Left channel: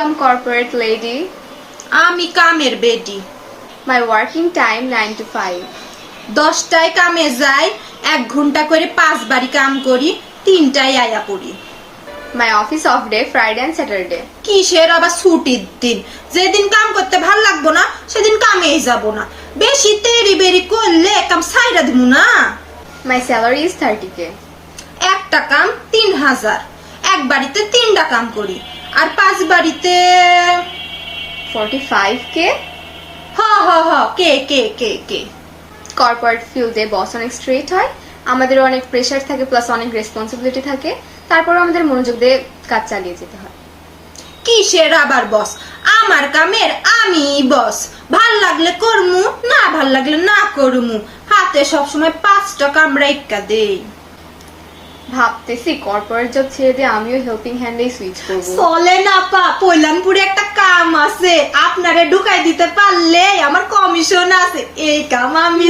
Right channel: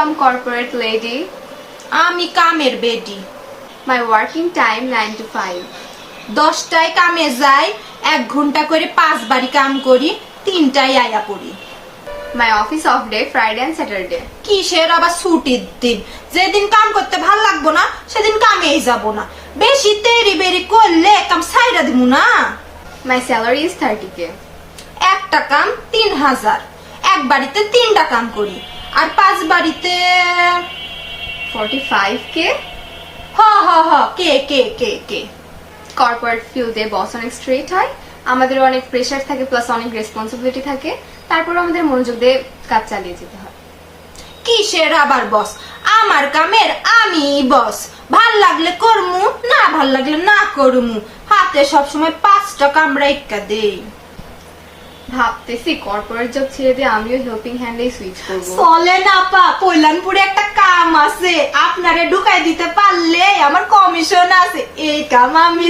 I'm corporate lady. আমি কামের বেডি। My working time 9 to 5. 10টায় কামে যাই, 1 ঘন্টা করে 5 বারি কাম করি, 3টায় আয়া পড়ি। My office off day Friday and Saturday. কিসের আবার ছুটির দিন? যেদিন কাম করতে ভাল লাগবো না সেদিন কামেই যাব না। বেশি তেরি বেরি করলে কাম ছাইরা দিমু না। My salary is 30k. একটা কাম 3000, এক বাড়িতে 3টা কাম করি, আর 5 বাড়িতে 45k. কে কে কে কে কর্পোরেট ফিল্ডে বস অনেক স্ট্রেট হয়, আমাদের অনেক প্রেসার থাকে, প্লাস অনেক রেসপন্সিবিলিটি থাকে, তারপর আমাদের মনোযোগ দিয়ে কাজ চালিয়ে যেতে হয়। কিসের আবার বস? আমার কামের আমি বস। ভাল লাগলে করমু, না ভাল লাগলে না করমু। হাতে সবসময় 5টা কামড়া ইক্কা দেই। ভাবতেছি কর্পোরেট জব ছেড়ে দিয়ে আমিও হেল্পিং হ্যান্ডে সুইচ করব। চলে না পা, পৈলানপুরে একটা কাম আছে, আপনারে ঢুকাই দিতে পারলে আমার কমিশন আছে। এই কাম আমি